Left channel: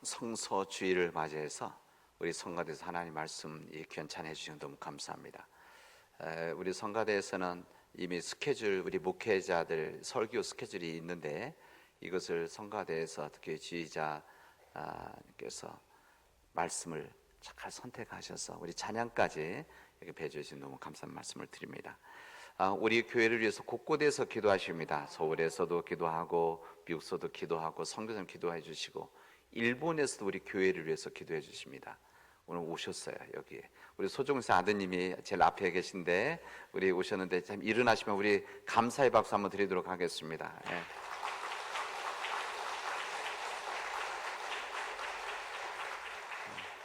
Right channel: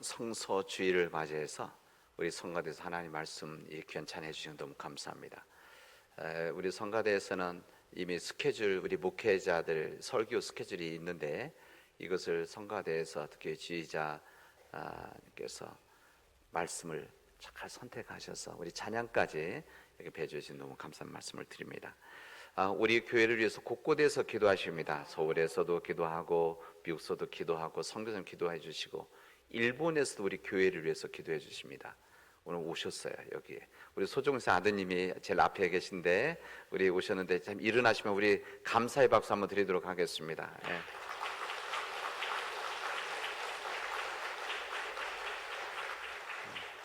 성소주의를 맞이해서 우리 성가대에서 하나님 말씀 귀찮게 해주시면 너무 감사합니다. 우리 성가대에서는 이미 스케줄, 우리 목회자들 설교 스케줄이 있는데 이것을 성가대에서 특히 지휘자께서 말씀을 잘 선택하셔서 우리 찬양까지 이렇게 배워주신 너무 감사한 말씀을 드립니다. 우리 교회를 위해서 곳곳에서 기도하십니다. 서울에서도 기도하고 미국에서도 기도하고 성교전 기도해 주시고 일본에서도 우리 교회를 위해서 기도해 주십니다. 오늘 오셨어요. 여기에 우리 소종사 아드님이 제일 앞에 계신데 우리 오셨는데 참 일어나시면 우리 감사의 박수 한번 드리도록 하겠습니다. 예.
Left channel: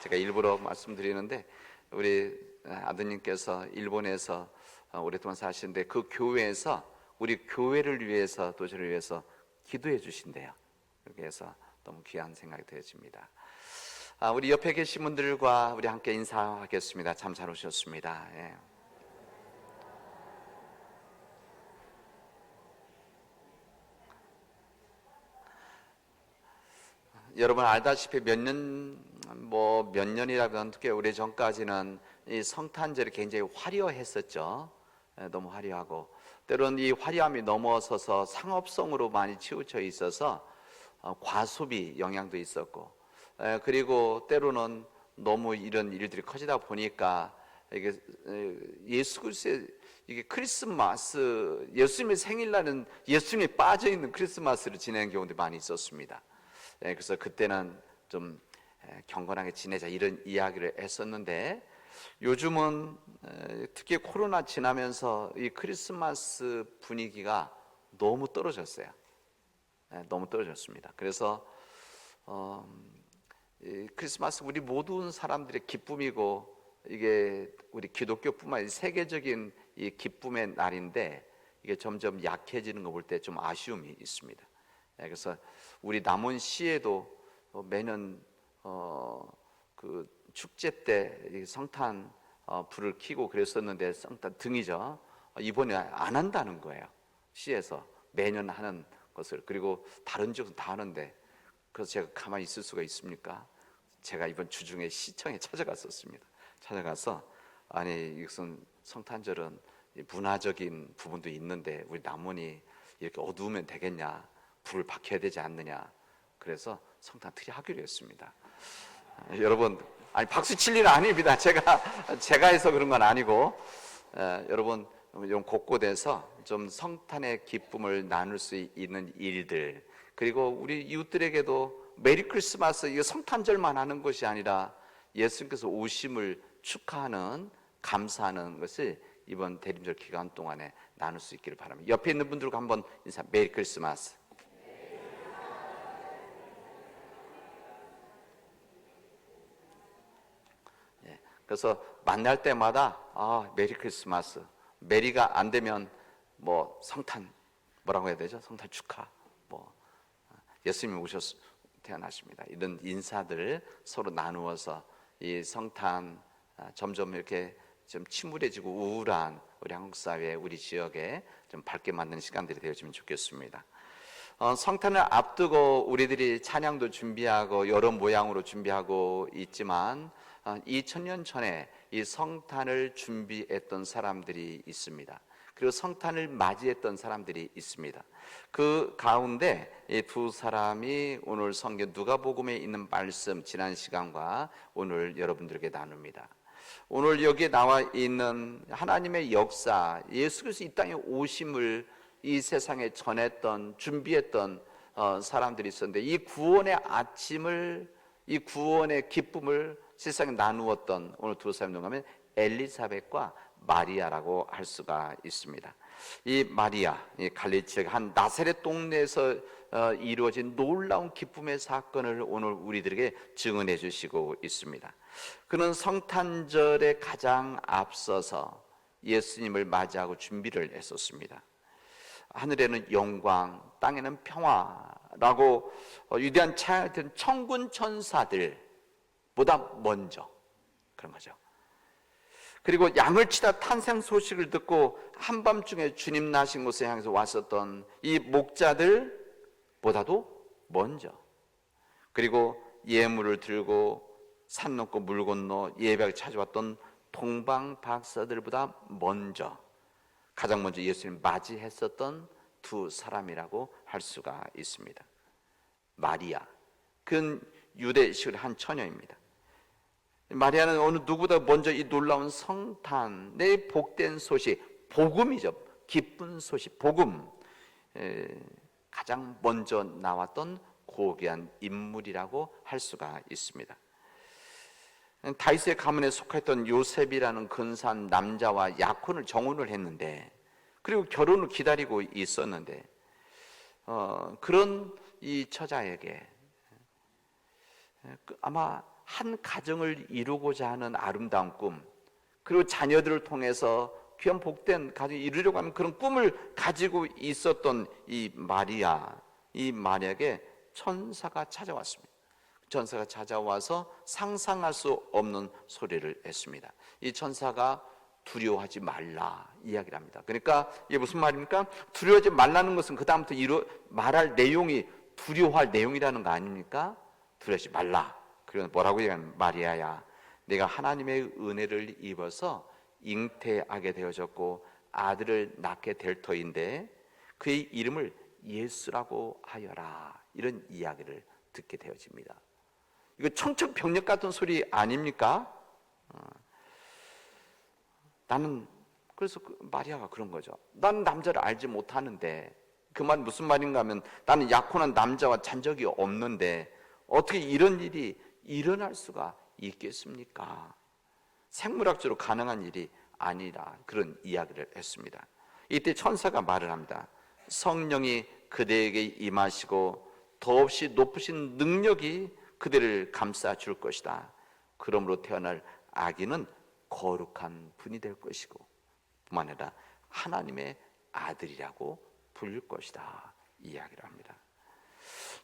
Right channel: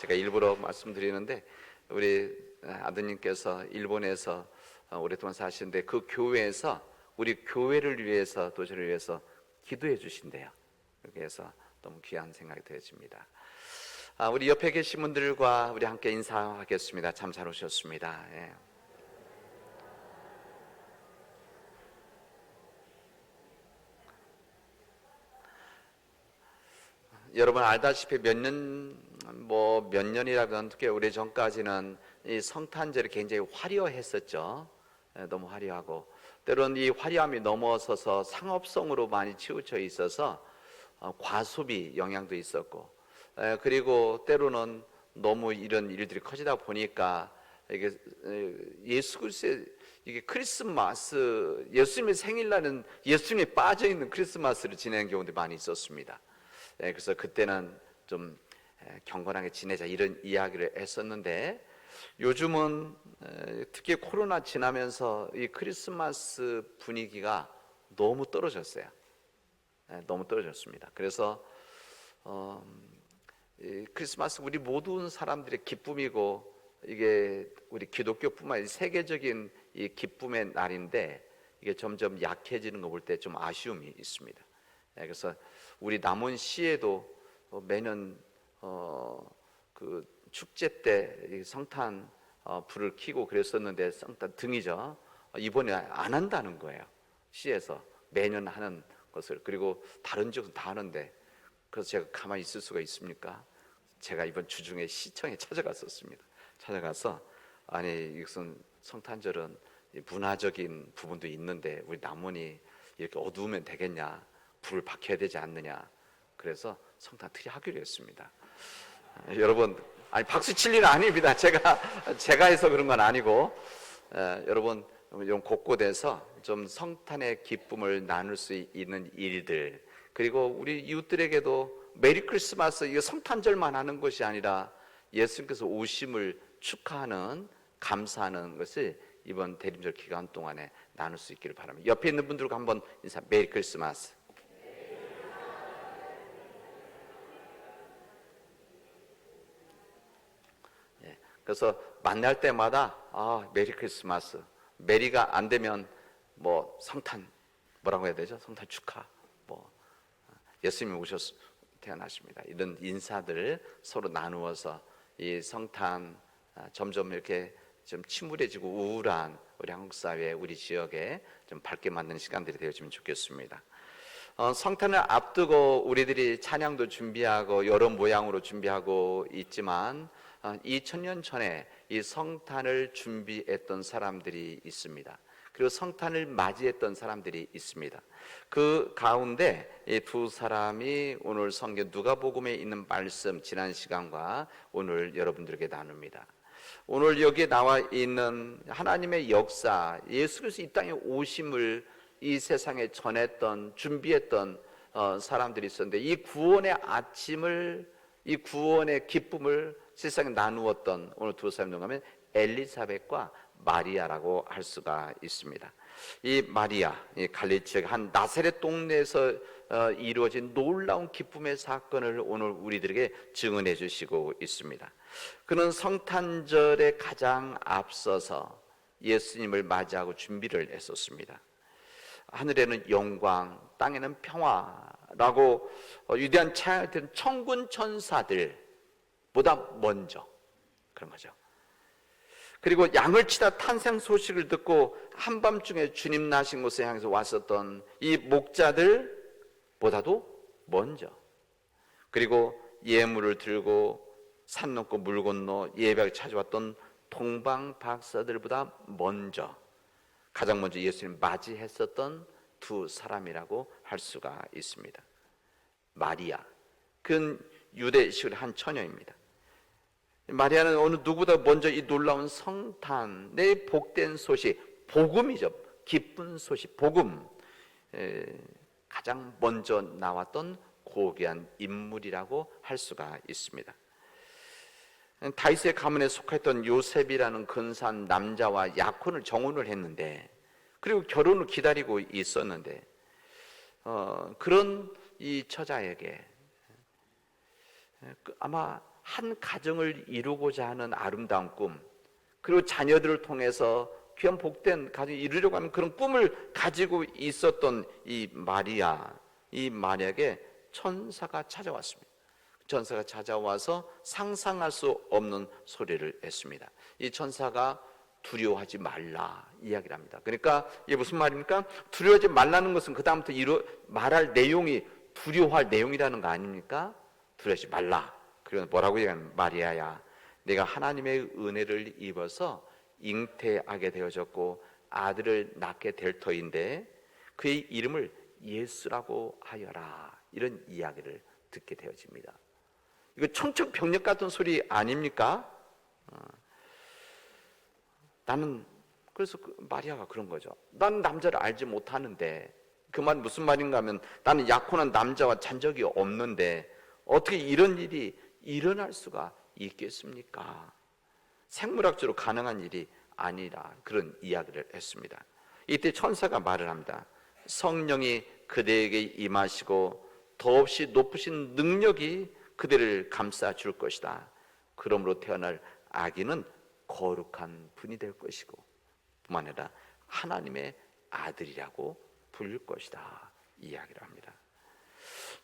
제가 일부러 말씀드리는데 우리 아드님께서 일본에서 오랫동안 사시는데 그 교회에서 우리 교회를 위해서 도시를 위해서 기도해 주신대요. 그래서 너무 귀한 생각이 되어집니다. 우리 옆에 계신 분들과 우리 함께 인사하겠습니다. 참 잘 오셨습니다. 예. 여러분 알다시피 몇 년이라면 꽤 오래전까지는 이 성탄절이 굉장히 화려했었죠. 너무 화려하고 때로는 이 화려함이 넘어서서 상업성으로 많이 치우쳐 있어서 과소비 영향도 있었고, 그리고 때로는 너무 이런 일들이 커지다 보니까 이게 예수 그리스도의 이게 크리스마스, 예수님의 생일날은 예수님이 빠져 있는 크리스마스를 지내는 경우도 많이 있었습니다. 그래서 그때는 좀 경건하게 지내자 이런 이야기를 했었는데 요즘은 특히 코로나 지나면서 이 크리스마스 분위기가 너무 떨어졌어요. 너무 떨어졌습니다. 그래서 크리스마스 우리 모든 사람들의 기쁨이고 이게 우리 기독교뿐만 아니라 세계적인 이 기쁨의 날인데 이게 점점 약해지는 거 볼 때 좀 아쉬움이 있습니다. 그래서 우리 남원시에도 매년 그 축제 때 성탄 불을 켜고 그랬었는데 성탄 등이죠. 이번에 안 한다는 거예요. 시에서 매년 하는 것을. 그리고 다른 지역은 다 하는데 그래서 제가 가만히 있을 수가 있습니까? 제가 이번 주중에 시청에 찾아갔었습니다. 찾아가서 아니 이것은 성탄절은 문화적인 부분도 있는데 우리 남원이 이렇게 어두우면 되겠냐? 불을 밝혀야 되지 않느냐? 그래서 성탄 트리 하기로 했습니다. 여러분, 아니 박수 칠 일은 아닙니다. 제가 해서 그런 건 아니고, 여러분 이런 곳곳에서 좀 성탄의 기쁨을 나눌 수 있는 일들, 그리고 우리 이웃들에게도 메리 크리스마스, 이거 성탄절만 하는 것이 아니라 예수님께서 오심을 축하하는, 감사하는 것을 이번 대림절 기간 동안에 나눌 수 있기를 바랍니다. 옆에 있는 분들과 한번 인사, 메리 크리스마스. 그래서 만날 때마다 메리 크리스마스, 메리가 안 되면 뭐 성탄, 뭐라고 해야 되죠? 성탄 축하, 뭐 예수님이 태어나십니다. 이런 인사들을 서로 나누어서 이 성탄 점점 이렇게 좀 침울해지고 우울한 우리 한국 사회, 우리 지역에 좀 밝게 만드는 시간들이 되어지면 좋겠습니다. 성탄을 앞두고 우리들이 찬양도 준비하고 여러 모양으로 준비하고 있지만 2000년 전에 이 성탄을 준비했던 사람들이 있습니다. 그리고 성탄을 맞이했던 사람들이 있습니다. 그 가운데 이 두 사람이 오늘 성경 누가복음에 있는 말씀 지난 시간과 오늘 여러분들에게 나눕니다. 오늘 여기에 나와 있는 하나님의 역사, 예수 그리스도 이 땅에 오심을 이 세상에 전했던, 준비했던 사람들이 있었는데 이 구원의 아침을, 이 구원의 기쁨을 세상에 나누었던 오늘 두 사람 중 하면 엘리사벳과 마리아라고 할 수가 있습니다. 이 마리아, 갈릴리 지역 한 나사렛 동네에서 이루어진 놀라운 기쁨의 사건을 오늘 우리들에게 증언해 주시고 있습니다. 그는 성탄절에 가장 앞서서 예수님을 맞이하고 준비를 했었습니다. 하늘에는 영광, 땅에는 평화라고 위대한 찬양했던 천군 천사들보다 먼저 그런 거죠. 그리고 양을 치다 탄생 소식을 듣고 한밤중에 주님 나신 곳에 향해서 왔었던 이 목자들보다도 먼저, 그리고 예물을 들고 산 넘고 물 건너 예배를 찾아왔던 동방 박사들보다 가장 먼저 예수님을 맞이했었던 두 사람이라고 할 수가 있습니다. 마리아, 그는 유대식을 한 처녀입니다. 마리아는 어느 누구보다 먼저 이 놀라운 성탄의 복된 소식, 복음이죠. 기쁜 소식, 복음, 가장 먼저 나왔던 고귀한 인물이라고 할 수가 있습니다. 다윗의 가문에 속했던 요셉이라는 근사한 남자와 약혼을 정혼을 했는데, 그리고 결혼을 기다리고 있었는데, 그런 이 처자에게 아마 한 가정을 이루고자 하는 아름다운 꿈, 그리고 자녀들을 통해서 귀한 복된 가정을 이루려고 하는 그런 꿈을 가지고 있었던 이 마리아에게 천사가 찾아왔습니다. 천사가 찾아와서 상상할 수 없는 소리를 했습니다. 이 천사가 두려워하지 말라 이야기를 합니다. 그러니까 이게 무슨 말입니까? 두려워하지 말라는 것은 그 다음부터 말할 내용이 두려워할 내용이라는 거 아닙니까? 두려워하지 말라. 그리고 뭐라고 얘기하면, 마리아야, 내가 하나님의 은혜를 입어서 잉태하게 되어졌고 아들을 낳게 될 터인데 그의 이름을 예수라고 하여라. 이런 이야기를 듣게 되어집니다. 이거 청천벽력 같은 소리 아닙니까? 나는 그래서 마리아가 그런 거죠. 난 남자를 알지 못하는데, 그 말 무슨 말인가 하면, 나는 약혼한 남자와 잔 적이 없는데 어떻게 이런 일이 일어날 수가 있겠습니까? 생물학적으로 가능한 일이 아니라 그런 이야기를 했습니다. 이때 천사가 말을 합니다. 성령이 그대에게 임하시고 더없이 높으신 능력이 그대를 감싸 줄 것이다. 그러므로 태어날 아기는 거룩한 분이 될 것이고 뿐만 아니라 하나님의 아들이라고 불릴 것이다. 이야기를 합니다.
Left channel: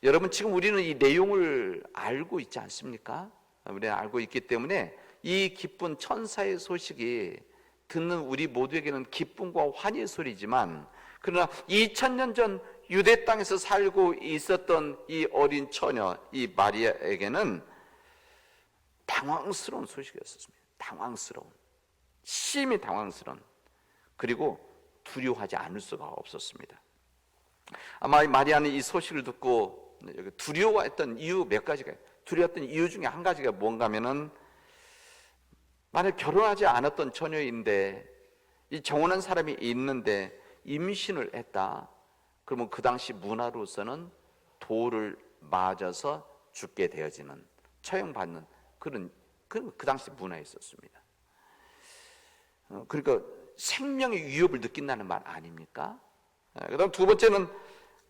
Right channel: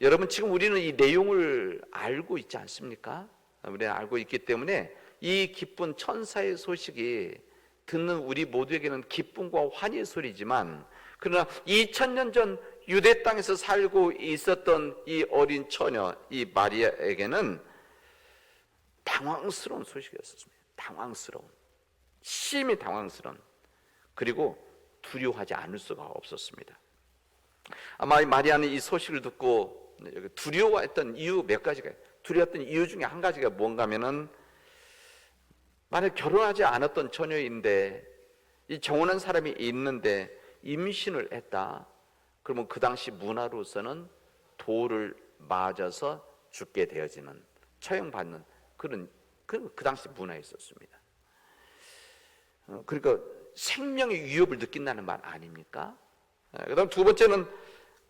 여러분, 지금 우리는 이 내용을 알고 있지 않습니까? 우리는 알고 있기 때문에 이 기쁜 천사의 소식이 듣는 우리 모두에게는 기쁨과 환희의 소리지만, 그러나 2000년 전 유대 땅에서 살고 있었던 이 어린 처녀, 이 마리아에게는 당황스러운 소식이었습니다. 심히 당황스러운, 그리고 두려워하지 않을 수가 없었습니다. 아마 마리아는 이 소식을 듣고 두려워했던 이유 몇 가지가, 두려웠던 이유 중에 한 가지가 뭔가 하면은, 만약 결혼하지 않았던 처녀인데 이 정혼한 사람이 있는데 임신을 했다, 그러면 그 당시 문화로서는 돌을 맞아서 죽게 되어지는, 처형받는 그런 그 당시 문화에 있었습니다. 그러니까 생명의 위협을 느낀다는 말 아닙니까? 그다음 두 번째는,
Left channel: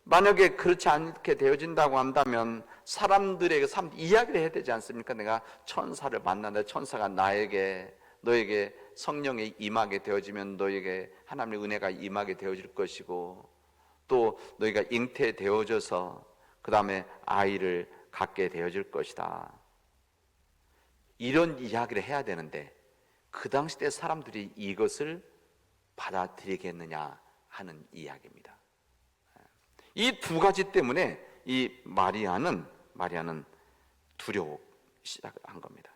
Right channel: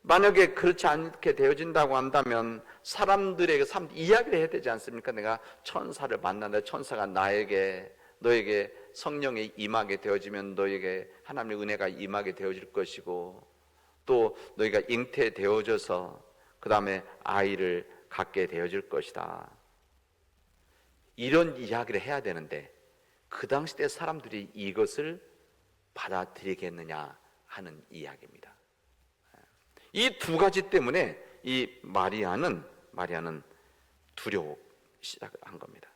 만약에 그렇지 않게 되어진다고 한다면 사람들에게 이야기를 해야 되지 않습니까? 내가 천사를 만나는데 천사가 너에게 성령이 임하게 되어지면 너에게 하나님의 은혜가 임하게 되어질 것이고, 또 너희가 잉태되어져서 그 다음에 아이를 갖게 되어질 것이다. 이런 이야기를 해야 되는데 그 당시 때 사람들이 이것을 받아들이겠느냐 하는 이야기입니다. 이 두 가지 때문에 이 마리아는 두려워 시작한 겁니다.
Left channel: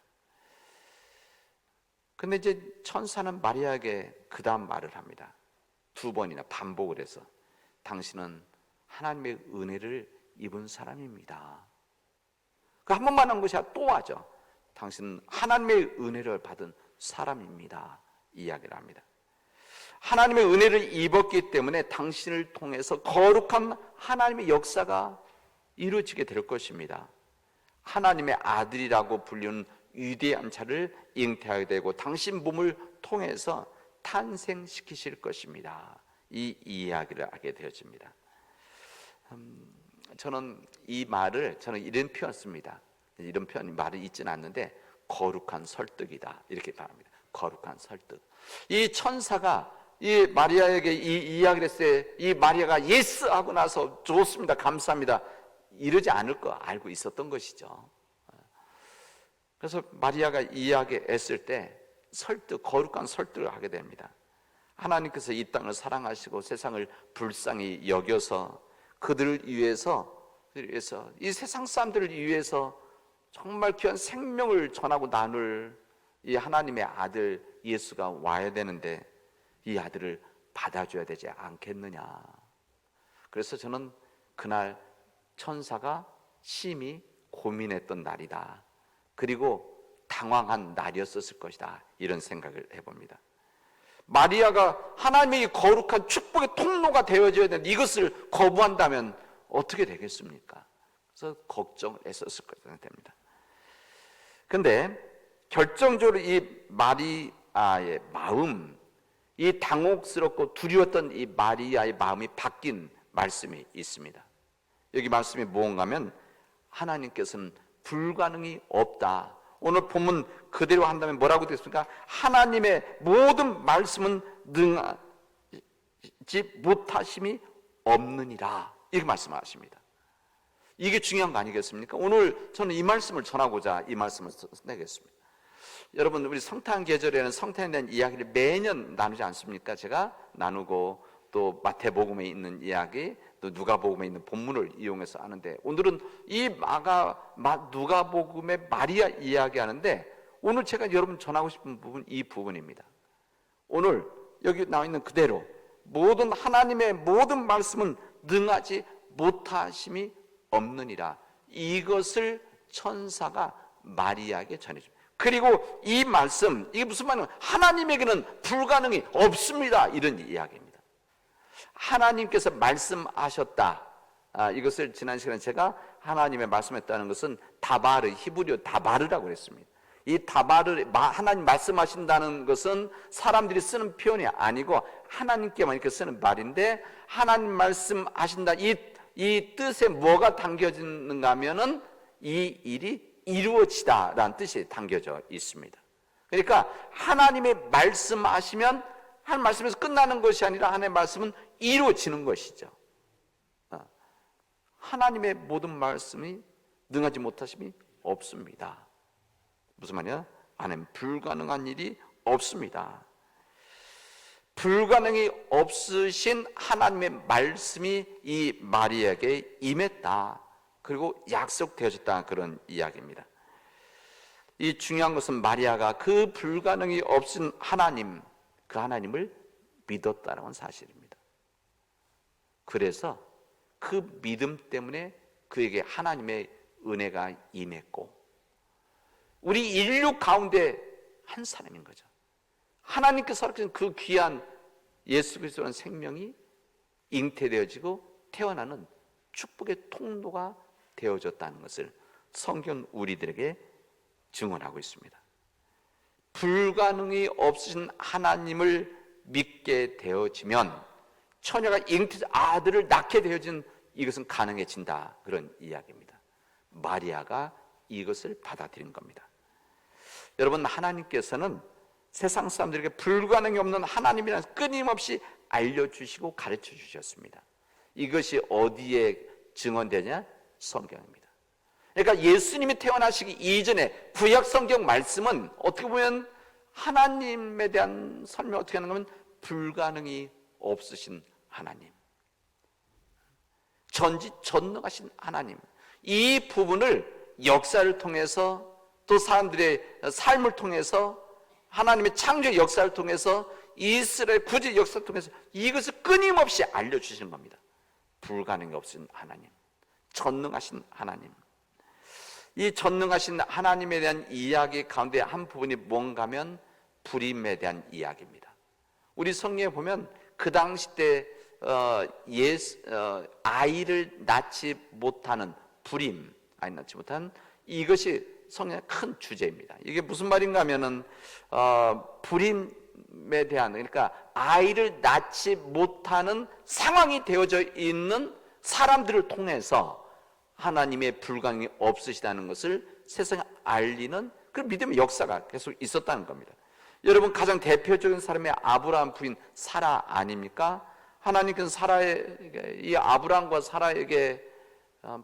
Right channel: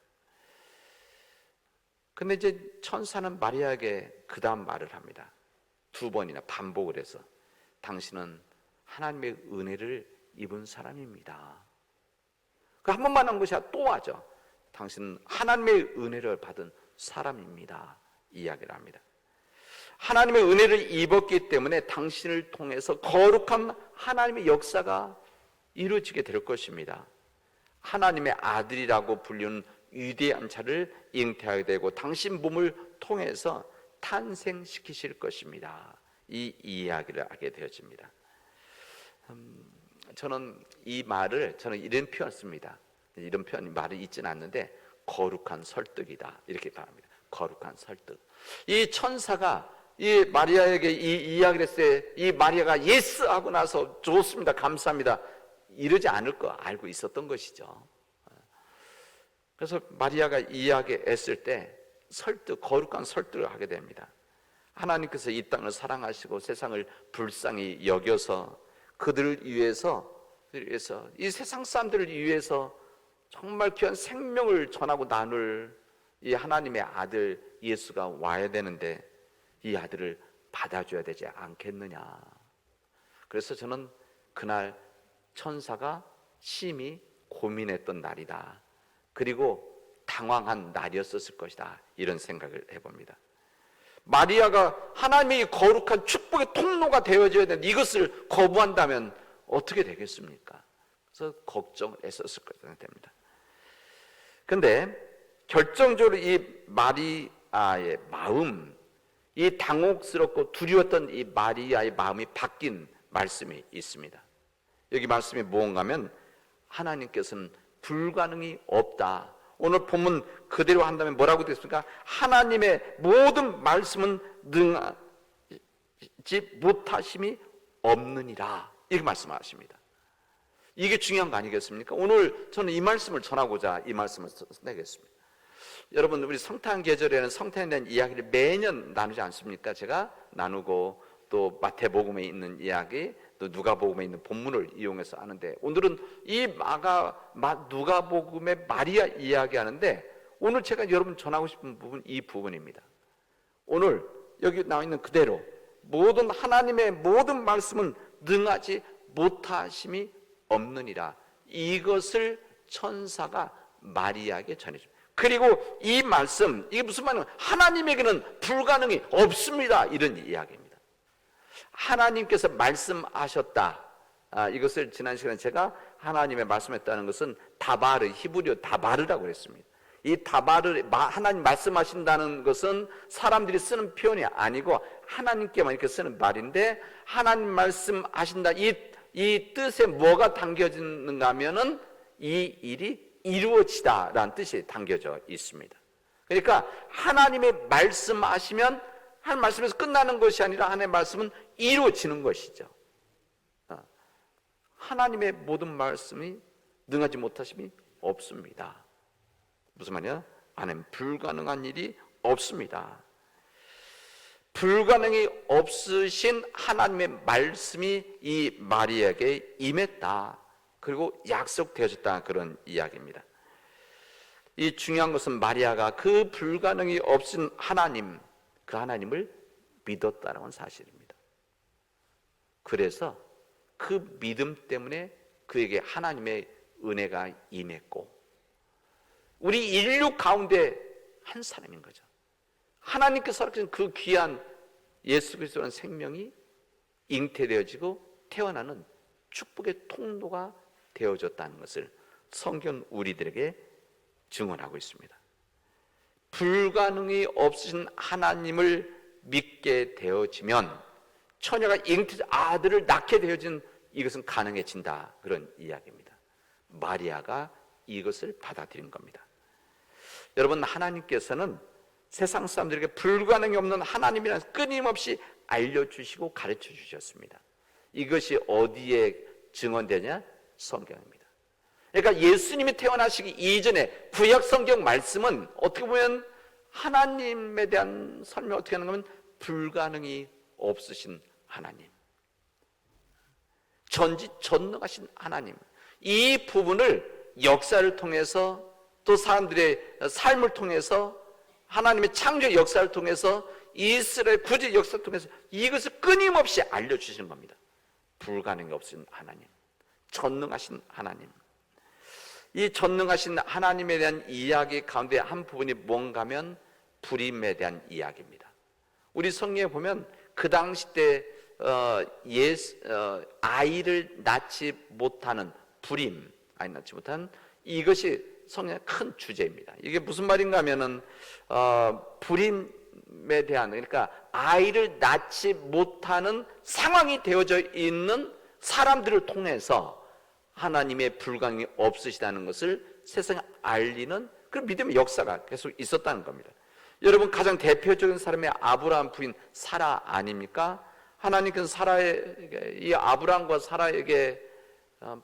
근데 이제 천사는 마리아에게 그 다음 말을 합니다. 두 번이나 반복을 해서, 당신은 하나님의 은혜를 입은 사람입니다. 그 한 번만 한 것이 아니라 또 하죠. 당신은 하나님의 은혜를 받은 사람입니다. 이야기를 합니다. 하나님의 은혜를 입었기 때문에 당신을 통해서 거룩한 하나님의 역사가 이루어지게 될 것입니다. 하나님의 아들이라고 불리는 위대한 자를 잉태하게 되고 당신 몸을 통해서 탄생시키실 것입니다. 이 이야기를 하게 되어집니다. 저는 이 말을 이런 표현을 씁니다. 이런 말이 있지는 않는데, 거룩한 설득이다, 이렇게 말합니다. 거룩한 설득. 이 천사가 이 마리아에게 이 이야기를 했을 때 이 마리아가 예스 하고 나서 좋습니다, 감사합니다, 이러지 않을 거 알고 있었던 것이죠. 그래서 마리아가 이야기했을 때 거룩한 설득을 하게 됩니다. 하나님께서 이 땅을 사랑하시고 세상을 불쌍히 여겨서 그들을 위해서 이 세상 사람들을 위해서 정말 귀한 생명을 전하고 나눌 이 하나님의 아들 예수가 와야 되는데 이 아들을 받아줘야 되지 않겠느냐. 그래서 저는 그날 천사가 심히 고민했던 날이다. 그리고 당황한 날이었을 것이다. 이런 생각을 해봅니다. 마리아가 하나님이 거룩한 축복의 통로가 되어져야 되는 이것을 거부한다면 어떻게 되겠습니까? 그래서 걱정했었을 것이 됩니다. 그런데 결정적으로 이 마리아의 마음, 이 당혹스럽고 두려웠던 이 마리아의 마음이 바뀐 말씀이 있습니다. 여기 말씀이 뭔가 하면 하나님께서는 불가능이 없다. 오늘 본문 그대로 한다면 뭐라고 됐습니까? 하나님의 모든 말씀은 능하지 못하심이 없느니라. 이렇게 말씀하십니다. 이게 중요한 거 아니겠습니까? 오늘 저는 이 말씀을 전하고자 이 말씀을 내겠습니다. 여러분, 우리 성탄 계절에는 성탄에 대한 이야기를 매년 나누지 않습니까? 제가 나누고 또 마태복음에 있는 이야기, 또 누가복음에 있는 본문을 이용해서 하는데, 오늘은 이 누가복음의 마리아 이야기하는데, 오늘 제가 여러분 전하고 싶은 부분 이 부분입니다. 오늘 여기 나와 있는 그대로 모든 하나님의 모든 말씀은 능하지 못하심이 없느니라. 이것을 천사가 마리아에게 전해줍니다. 그리고 이 말씀, 이게 무슨 말이냐면 하나님에게는 불가능이 없습니다. 이런 이야기입니다. 하나님께서 말씀하셨다. 이것을 지난 시간에 제가 하나님의 말씀했다는 것은 다바르, 히브리어 다바르라고 했습니다. 이 다바르, 하나님 말씀하신다는 것은 사람들이 쓰는 표현이 아니고 하나님께만 이렇게 쓰는 말인데, 하나님 말씀하신다, 이 뜻에 뭐가 담겨지는가 하면은 이 일이 이루어지다라는 뜻이 담겨져 있습니다. 그러니까 하나님의 말씀하시면 한 말씀에서 끝나는 것이 아니라 하나님의 말씀은 이루어지는 것이죠. 하나님의 모든 말씀이 능하지 못하심이 없습니다. 무슨 말이야? 하나님 불가능한 일이 없습니다. 불가능이 없으신 하나님의 말씀이 이 마리아에게 임했다. 그리고 약속되어졌다. 그런 이야기입니다. 이 중요한 것은 마리아가 그 불가능이 없은 하나님, 그 하나님을 믿었다는 사실입니다. 그래서 그 믿음 때문에 그에게 하나님의 은혜가 임했고, 우리 인류 가운데 한 사람인 거죠. 하나님께서 허락하신 그 귀한 예수 그리스도라는 생명이 잉태되어지고 태어나는 축복의 통로가 되어졌다는 것을 성경 우리들에게 증언하고 있습니다. 불가능이 없으신 하나님을 믿게 되어지면 처녀가 잉태된 아들을 낳게 되어진 이것은 가능해진다. 그런 이야기입니다. 마리아가 이것을 받아들인 겁니다. 여러분, 하나님께서는 세상 사람들에게 불가능이 없는 하나님이라는 끊임없이 알려주시고 가르쳐 주셨습니다. 이것이 어디에 증언되냐? 성경입니다. 그러니까 예수님이 태어나시기 이전에 구약 성경 말씀은 어떻게 보면 하나님에 대한 설명을 어떻게 하는 건 불가능이 없으신 하나님, 전지전능하신 하나님, 이 부분을 역사를 통해서 또 사람들의 삶을 통해서 하나님의 창조의 역사를 통해서 이스라엘 구주의 역사를 통해서 이것을 끊임없이 알려주시는 겁니다. 불가능이 없으신 하나님, 전능하신 하나님. 이 전능하신 하나님에 대한 이야기 가운데 한 부분이 뭔가 하면 불임에 대한 이야기입니다. 우리 성경에 보면 그 당시 때 아이를 낳지 못하는 불임, 아이 낳지 못하는 이것이 성경의 큰 주제입니다. 이게 무슨 말인가 하면은 불임에 대한, 그러니까 아이를 낳지 못하는 상황이 되어져 있는 사람들을 통해서 하나님의 불가능이 없으시다는 것을 세상에 알리는 그런 믿음의 역사가 계속 있었다는 겁니다. 여러분, 가장 대표적인 사람이 아브라함 부인 사라 아닙니까? 하나님께서 이 아브라함과 사라에게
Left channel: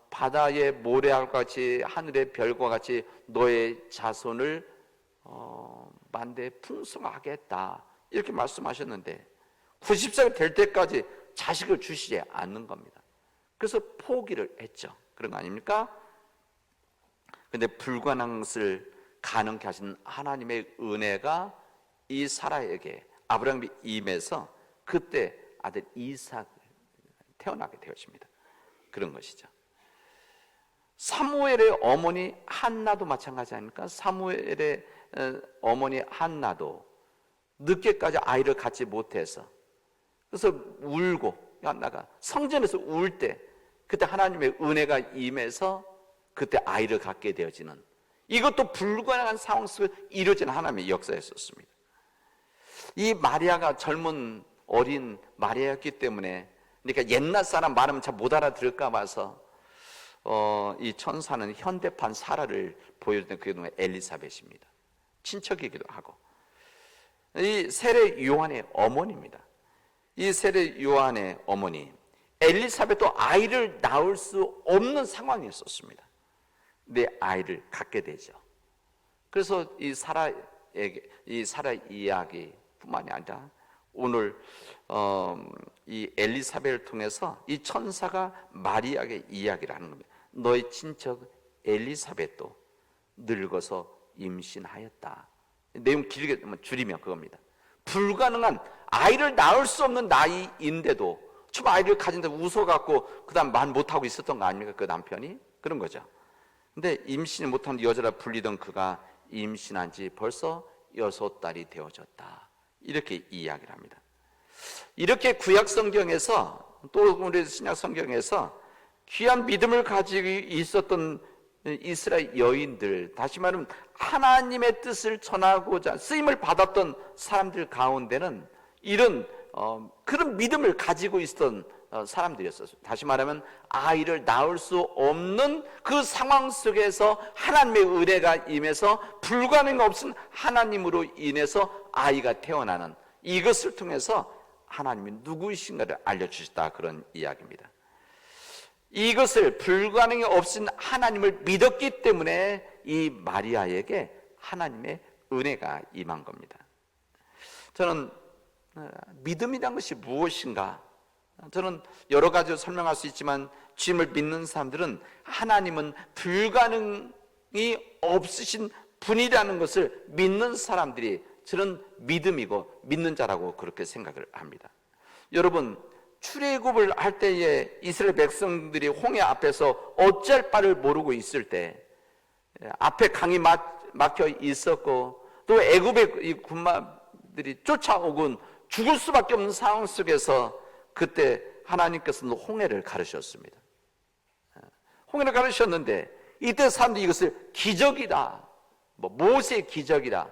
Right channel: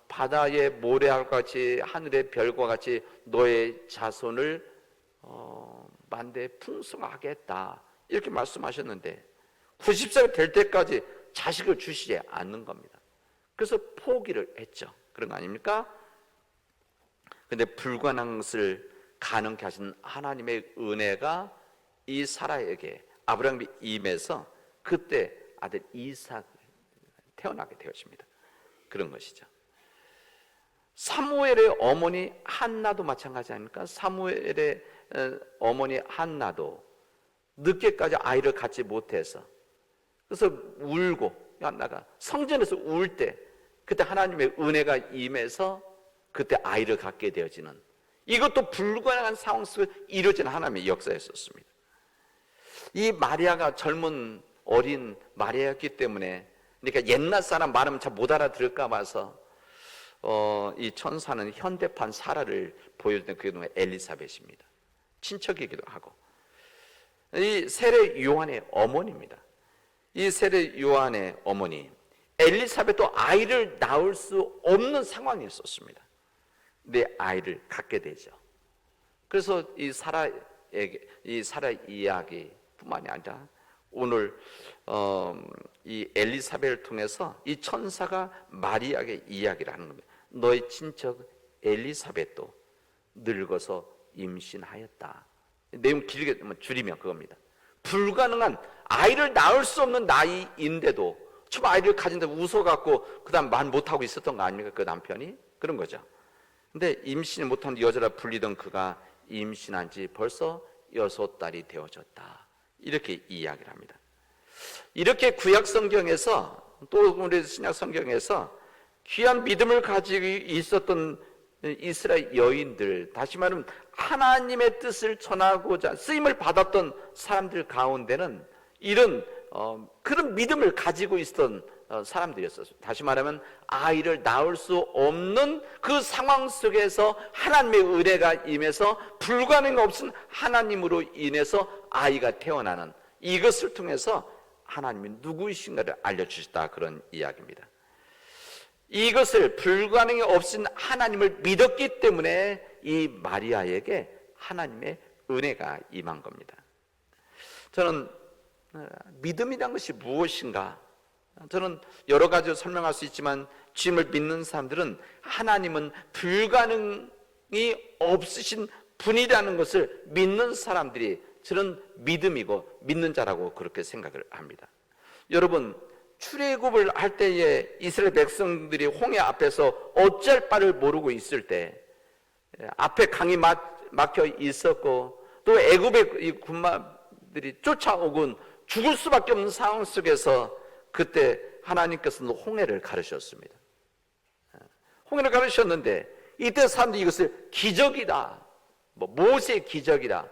바다의 모래알과 같이 하늘의 별과 같이 너의 자손을 만대 풍성하게 했다, 이렇게 말씀하셨는데 90살 될 때까지 자식을 주시지 않는 겁니다. 그래서 포기를 했죠. 그런 거 아닙니까? 근데 불가능한 것을 가능케 하신 하나님의 은혜가 이 사라에게 아브라함이 임해서 그때 아들 이삭 태어나게 되었습니다. 그런 것이죠. 사무엘의 어머니 한나도 마찬가지 아닙니까? 사무엘의 어머니 한나도 늦게까지 아이를 갖지 못해서 그래서 울고 한나가 성전에서 울 때 그때 하나님의 은혜가 임해서 그때 아이를 갖게 되어지는 이것도 불가능한 상황 속에 이루어진 하나님의 역사였었습니다. 이 마리아가 젊은 어린 마리아였기 때문에 그러니까 옛날 사람 말하면 잘 못 알아들을까 봐서 이 천사는 현대판 사라를 보여주던 그게 엘리사벳입니다. 친척이기도 하고 이 세례 요한의 어머니입니다. 이 세례 요한의 어머니 엘리사벳도 아이를 낳을 수 없는 상황이었었습니다. 내 아이를 갖게 되죠. 그래서 이 사라 이야기뿐만이 아니라 오늘 이 엘리사벳을 통해서 이 천사가 마리아에게 이야기를 하는 겁니다. 너의 친척 엘리사벳도 늙어서 임신하였다. 내용 길게 줄이면 그겁니다. 불가능한 아이를 낳을 수 없는 나이인데도 처음 아이를 가진다고 웃어갖고 그 다음 말 못하고 있었던 거 아닙니까? 그 남편이? 그런 거죠. 근데 임신을 못하는 여자라 불리던 그가 임신한 지 벌써 6달이 되어졌다. 이렇게 이야기를 합니다. 이렇게 구약 성경에서 또 우리 신약 성경에서 귀한 믿음을 가지고 있었던 이스라엘 여인들, 다시 말하면 하나님의 뜻을 전하고자 쓰임을 받았던 사람들 가운데는 이런 그런 믿음을 가지고 있었던 사람들이었어요. 다시 말하면 아이를 낳을 수 없는 그 상황 속에서 하나님의 은혜가 임해서 불가능 없은 하나님으로 인해서 아이가 태어나는 이것을 통해서 하나님이 누구이신가를 알려주시다 그런 이야기입니다. 이것을 불가능이 없인 하나님을 믿었기 때문에 이 마리아에게 하나님의 은혜가 임한 겁니다. 저는 믿음이란 것이 무엇인가? 저는 여러 가지로 설명할 수 있지만 주님을 믿는 사람들은 하나님은 불가능이 없으신 분이라는 것을 믿는 사람들이 저는 믿음이고 믿는 자라고 그렇게 생각을 합니다. 여러분 출애굽을 할 때에 이스라엘 백성들이 홍해 앞에서 어찌할 바를 모르고 있을 때 앞에 강이 막혀 있었고 또 애굽의 군마들이 쫓아오곤 죽을 수밖에 없는 상황 속에서 그때 하나님께서는 홍해를 가르셨습니다. 홍해를 가르셨는데 이때 사람들이 이것을 기적이다, 모세의 기적이다,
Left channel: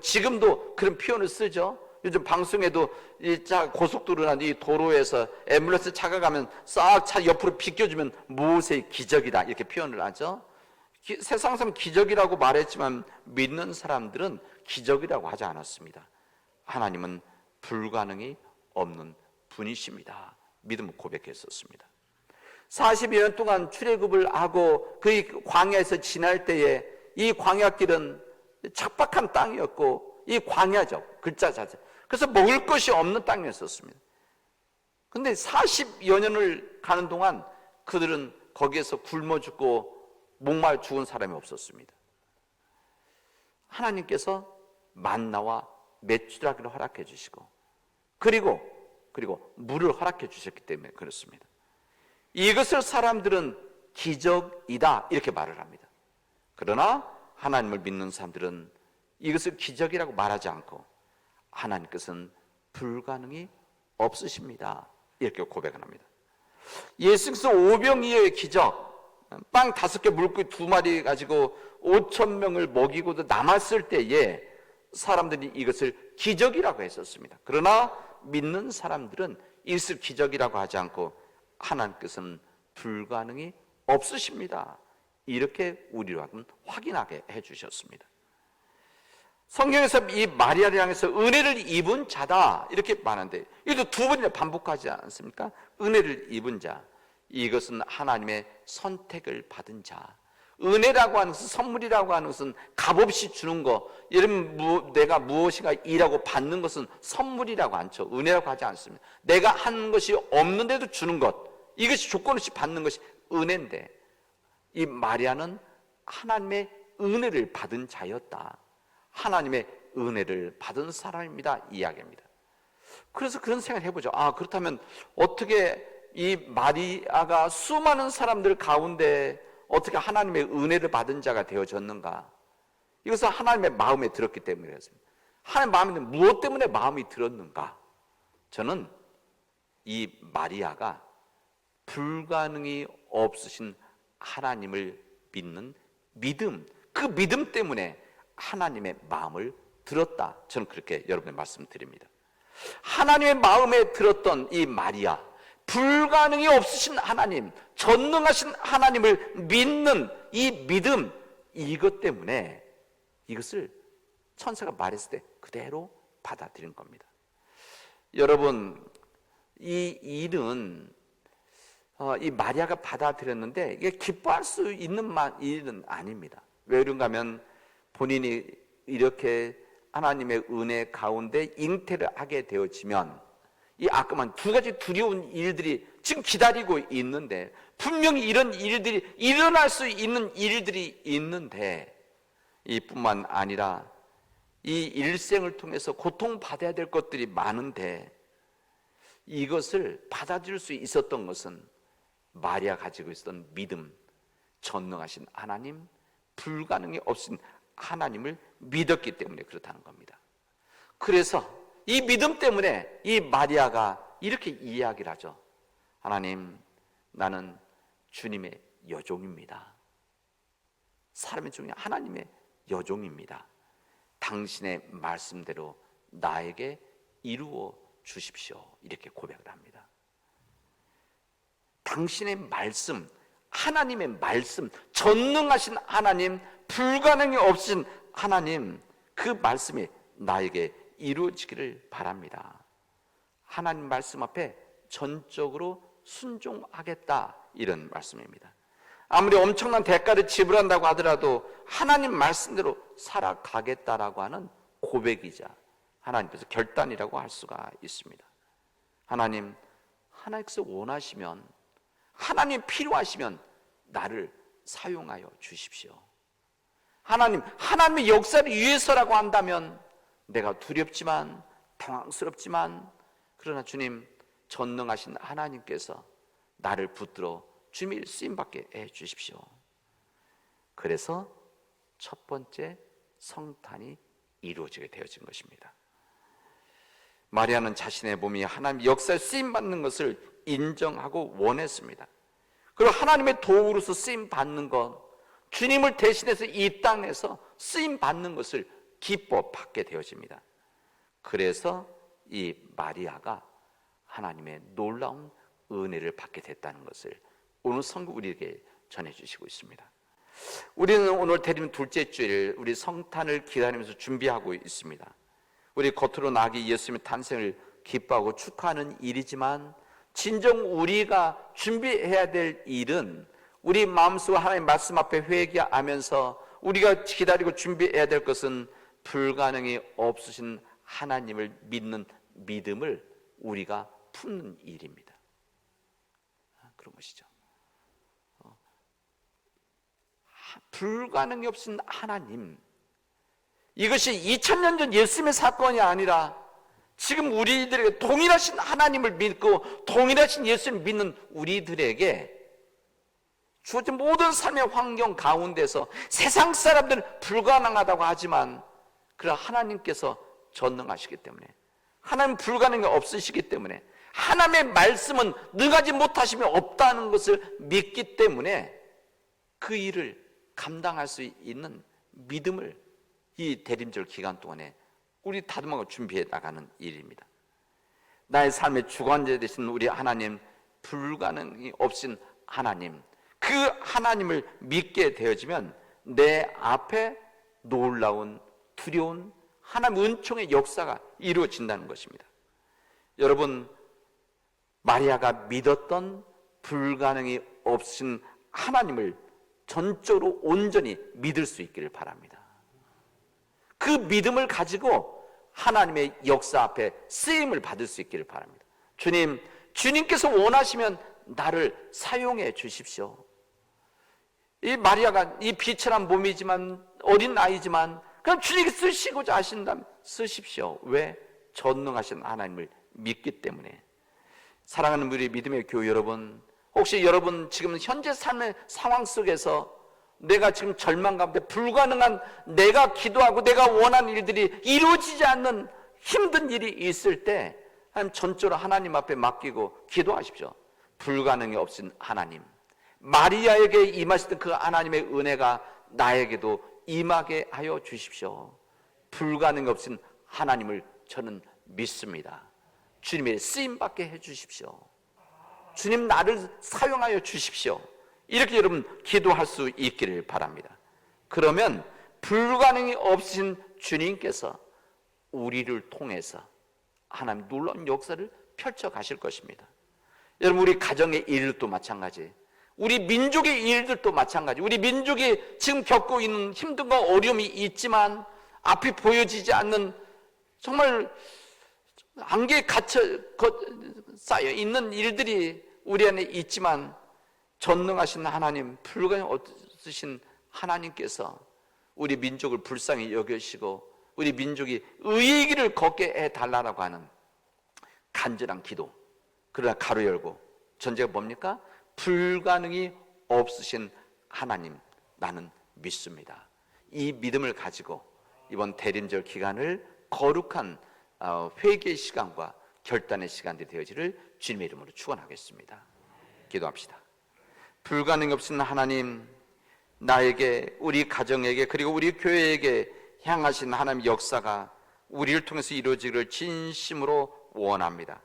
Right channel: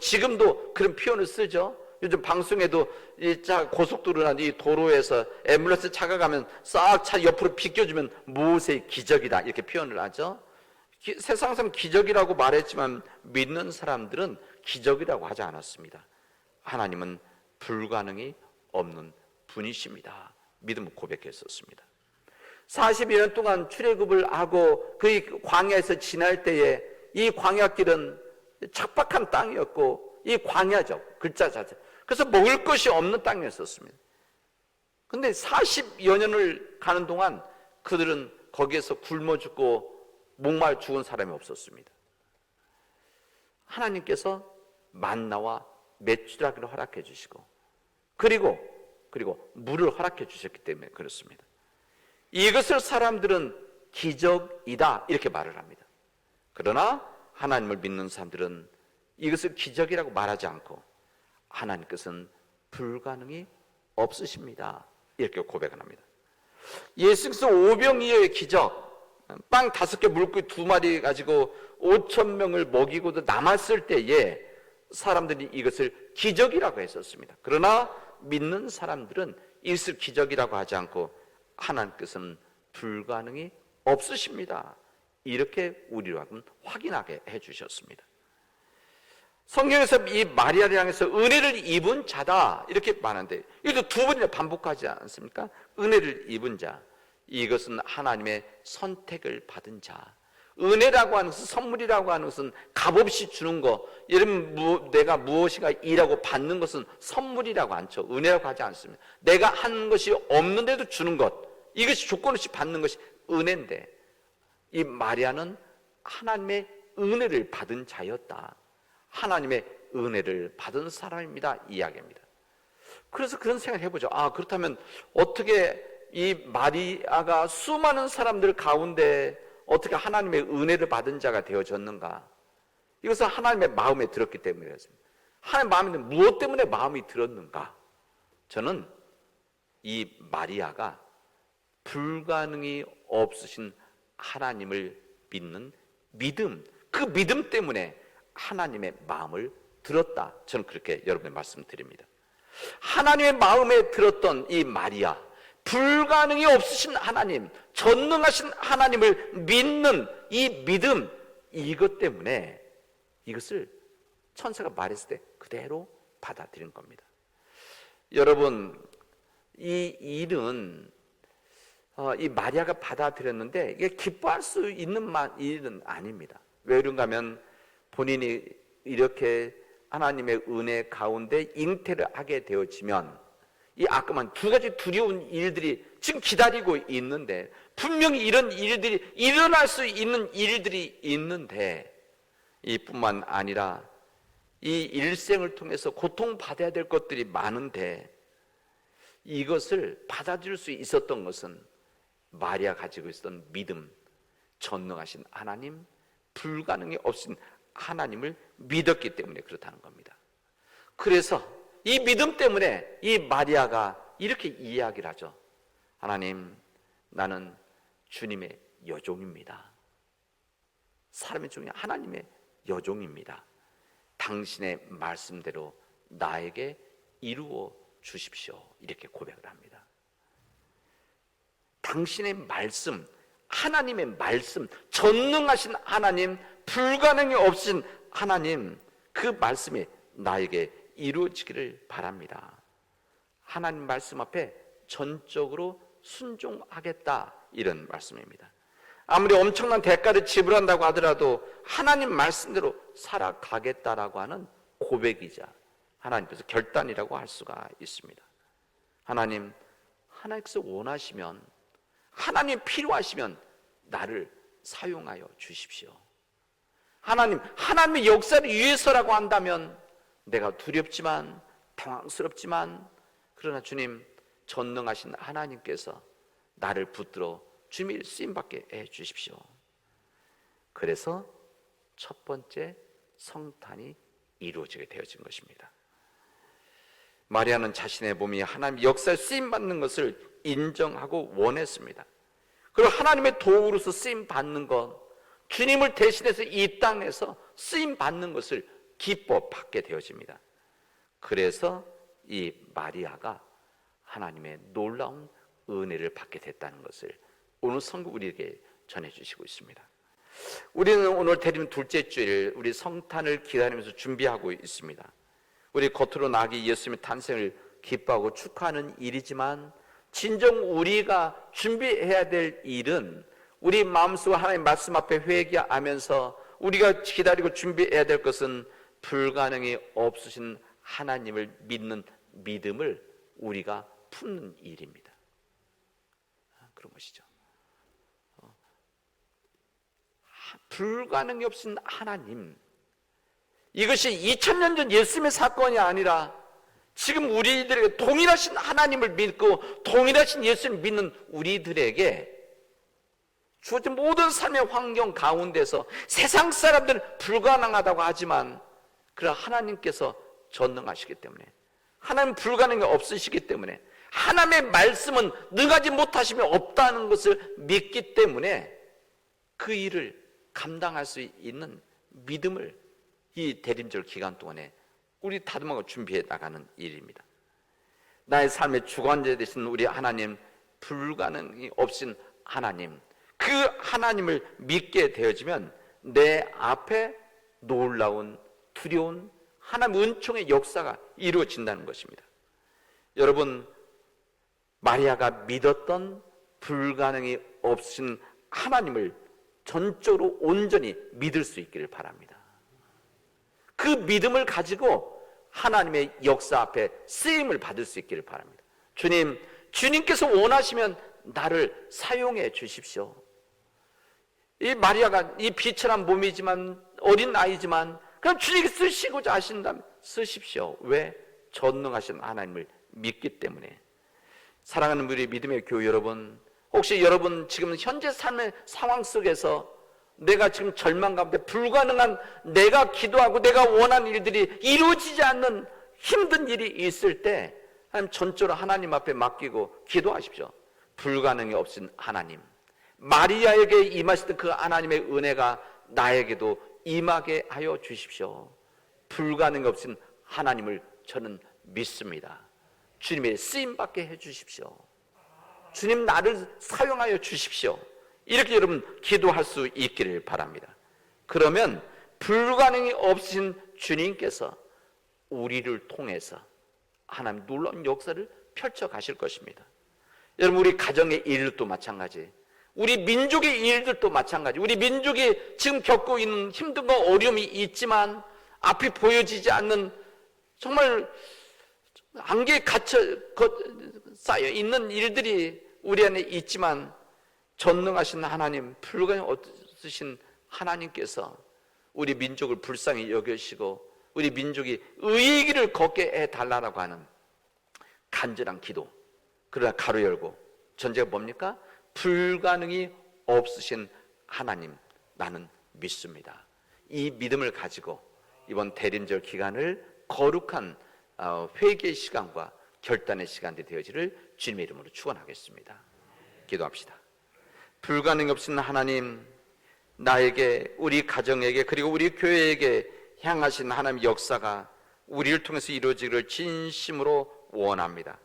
지금도 그런 표현을 쓰죠. 요즘 방송에도 이 고속도로나 이 도로에서 앰뷸런스 차가 가면 싹 차 옆으로 비껴주면 모세의 기적이다 이렇게 표현을 하죠. 세상에서는 기적이라고 말했지만 믿는 사람들은 기적이라고 하지 않았습니다. 하나님은 불가능이 없는 분이십니다. 믿음을 고백했었습니다. 40여 년 동안 출애굽을 하고 그 광야에서 지날 때에 이 광야길은 척박한 땅이었고 이 광야죠. 글자 자체. 그래서 먹을 것이 없는 땅이었었습니다. 그런데 40여 년을 가는 동안 그들은 거기에서 굶어 죽고 목마르 죽은 사람이 없었습니다. 하나님께서 만나와 메추라기를 허락해 주시고 그리고 물을 허락해 주셨기 때문에 그렇습니다. 이것을 사람들은 기적이다 이렇게 말을 합니다. 그러나 하나님을 믿는 사람들은 이것을 기적이라고 말하지 않고 하나님께서는 불가능이 없으십니다 이렇게 고백을 합니다. 예수께서 오병이어의 기적, 빵 5개 물고기 2마리 가지고 5,000명을 먹이고도 남았을 때에 사람들이 이것을 기적이라고 했었습니다. 그러나 믿는 사람들은 이것을 기적이라고 하지 않고 하나님께서는 불가능이 없으십니다 이렇게 우리로 하여금 확인하게 해주셨습니다. 성경에서 이 마리아를 향해서 은혜를 입은 자다 이렇게 말하는데 이것도 2번이나 반복하지 않습니까? 은혜를 입은 자, 이것은 하나님의 선택을 받은 자. 은혜라고 하는 것은, 선물이라고 하는 것은 값없이 주는 거, 예를 들면 내가 무엇인가 일하고 받는 것은 선물이라고 않죠. 은혜라고 하지 않습니다. 내가 하는 것이 없는데도 주는 것, 이것이 조건 없이 받는 것이 은혜인데 이 마리아는 하나님의 은혜를 받은 자였다. 하나님의 은혜를 받은 사람입니다. 이야기합니다. 그래서 그런 생각을 해보죠. 그렇다면 어떻게 이 마리아가 수많은 사람들 가운데 어떻게 하나님의 은혜를 받은 자가 되어졌는가? 이것은 하나님의 마음에 들었기 때문이었습니다. 하나님의 마음에 무엇 때문에 마음이 들었는가? 저는 이 마리아가 불가능이 없으신 하나님을 믿는 믿음, 그 믿음 때문에 하나님의 마음을 들었다. 저는 그렇게 여러분께 말씀드립니다. 하나님의 마음에 들었던 이 마리아, 불가능이 없으신 하나님, 전능하신 하나님을 믿는 이 믿음, 이것 때문에 이것을 천사가 말했을 때 그대로 받아들인 겁니다. 여러분, 이 일은 이 마리아가 받아들였는데 이게 기뻐할 수 있는 일은 아닙니다. 왜 그런가 하면 본인이 이렇게 하나님의 은혜 가운데 잉태를 하게 되어지면 이 아까만 두 가지 두려운 일들이 지금 기다리고 있는데, 분명히 이런 일들이 일어날 수 있는 일들이 있는데, 이뿐만 아니라 이 일생을 통해서 고통받아야 될 것들이 많은데, 이것을 받아들일 수 있었던 것은 마리아 가지고 있었던 믿음, 전능하신 하나님, 불가능이 없으신 하나님을 믿었기 때문에 그렇다는 겁니다. 그래서 이 믿음 때문에 이 마리아가 이렇게 이야기를 하죠. 하나님, 나는 주님의 여종입니다. 사람의 중에 하나님의 여종입니다. 당신의 말씀대로 나에게 이루어 주십시오. 이렇게 고백을 합니다. 당신의 말씀, 하나님의 말씀, 전능하신 하나님, 불가능이 없으신 하나님, 그 말씀이 나에게 이루어지기를 바랍니다. 하나님 말씀 앞에 전적으로 순종하겠다, 이런 말씀입니다. 아무리 엄청난 대가를 지불한다고 하더라도 하나님 말씀대로 살아가겠다라고 하는 고백이자 하나님께서 결단이라고 할 수가 있습니다. 하나님, 하나님께서 원하시면, 하나님이 필요하시면 나를 사용하여 주십시오. 하나님, 하나님의 역사를 위해서라고 한다면 내가 두렵지만 당황스럽지만, 그러나 주님, 전능하신 하나님께서 나를 붙들어 주님의 쓰임받게 해주십시오. 그래서 첫 번째 성탄이 이루어지게 되어진 것입니다. 마리아는 자신의 몸이 하나님의 역사에 쓰임받는 것을 인정하고 원했습니다. 그리고 하나님의 도구로서 쓰임받는 것, 주님을 대신해서 이 땅에서 쓰임받는 것을 기뻐 받게 되어집니다. 그래서 이 마리아가 하나님의 놀라운 은혜를 받게 됐다는 것을 오늘 성경 우리에게 전해주시고 있습니다. 우리는 오늘 대림 둘째 주일 우리 성탄을 기다리면서 준비하고 있습니다. 우리 겉으로 나기 예수님의 탄생을 기뻐하고 축하하는 일이지만, 진정 우리가 준비해야 될 일은 우리 마음속으로 하나님의 말씀 앞에 회개하면서 우리가 기다리고 준비해야 될 것은 불가능이 없으신 하나님을 믿는 믿음을 우리가 품는 일입니다. 그런 것이죠. 불가능이 없으신 하나님, 이것이 2000년 전 예수님의 사건이 아니라 지금 우리들에게 동일하신 하나님을 믿고 동일하신 예수님을 믿는 우리들에게 주어진 모든 삶의 환경 가운데서 세상 사람들은 불가능하다고 하지만, 그러나 하나님께서 전능하시기 때문에, 하나님 불가능이 없으시기 때문에, 하나님의 말씀은 능하지 못하시면 없다는 것을 믿기 때문에 그 일을 감당할 수 있는 믿음을 이 대림절 기간 동안에 우리 다듬어가 준비해 나가는 일입니다. 나의 삶의 주관자 되신 우리 하나님, 불가능이 없인 하나님, 그 하나님을 믿게 되어지면 내 앞에 놀라운 두려운 하나님 은총의 역사가 이루어진다는 것입니다. 여러분, 마리아가 믿었던 불가능이 없인 하나님을 전적으로 온전히 믿을 수 있기를 바랍니다. 그 믿음을 가지고 하나님의 역사 앞에 쓰임을 받을 수 있기를 바랍니다. 주님께서 원하시면 나를 사용해 주십시오. 이 마리아가 이 비천한 몸이지만 어린 아이지만 그럼 주님이 쓰시고자 하신다면 쓰십시오. 왜? 전능하신 하나님을 믿기 때문에. 사랑하는 우리 믿음의 교회 여러분, 혹시 여러분 지금 현재 사는 상황 속에서 내가 지금 절망 가운데 불가능한, 내가 기도하고 내가 원하는 일들이 이루어지지 않는 힘든 일이 있을 때 전적으로 하나님 앞에 맡기고 기도하십시오. 불가능이 없인 하나님, 마리아에게 임하셨던 그 하나님의 은혜가 나에게도 임하게 하여 주십시오. 불가능이 없인 하나님을 저는 믿습니다. 주님의 쓰임받게 해주십시오. 주님 나를 사용하여 주십시오. 이렇게 여러분 기도할 수 있기를 바랍니다. 그러면 불가능이 없으신 주님께서 우리를 통해서 하나님 놀라운 역사를 펼쳐 가실 것입니다. 여러분, 우리 가정의 일도 마찬가지, 우리 민족의 일들도 마찬가지, 우리 민족이 지금 겪고 있는 힘든과 어려움이 있지만 앞이 보여지지 않는 정말 안개에 갇혀 쌓여 있는 일들이 우리 안에 있지만 전능하신 하나님, 불가능 없으신 하나님께서 우리 민족을 불쌍히 여기시고 우리 민족이 의의 길을 걷게 해달라고 하는 간절한 기도. 그러나 가로 열고 전제가 뭡니까? 불가능이 없으신 하나님, 나는 믿습니다. 이 믿음을 가지고 이번 대림절 기간을 거룩한 회개의 시간과 결단의 시간이 되어지를 주님의 이름으로 축원하겠습니다. 기도합시다. 불가능 없으신 하나님, 나에게, 우리 가정에게, 그리고 우리 교회에게 향하신 하나님의 역사가 우리를 통해서 이루어지기를 진심으로 원합니다.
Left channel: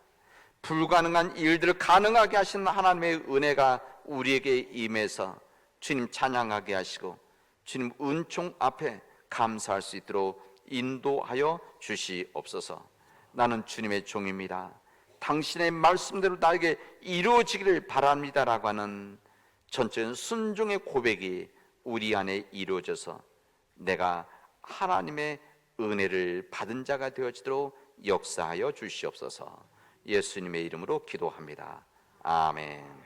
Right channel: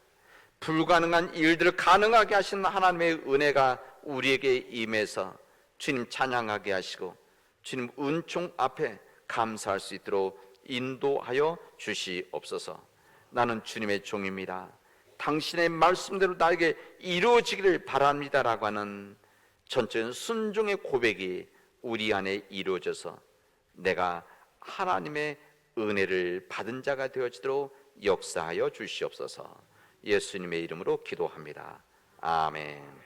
불가능한 일들을 가능하게 하시는 하나님의 은혜가 우리에게 임해서 주님 찬양하게 하시고 주님 은총 앞에 감사할 수 있도록 인도하여 주시옵소서. 나는 주님의 종입니다. 당신의 말씀대로 나에게 이루어지기를 바랍니다라고 하는 전적인 순종의 고백이 우리 안에 이루어져서 내가 하나님의 은혜를 받은 자가 되어지도록 역사하여 주시옵소서. 예수님의 이름으로 기도합니다. 아멘.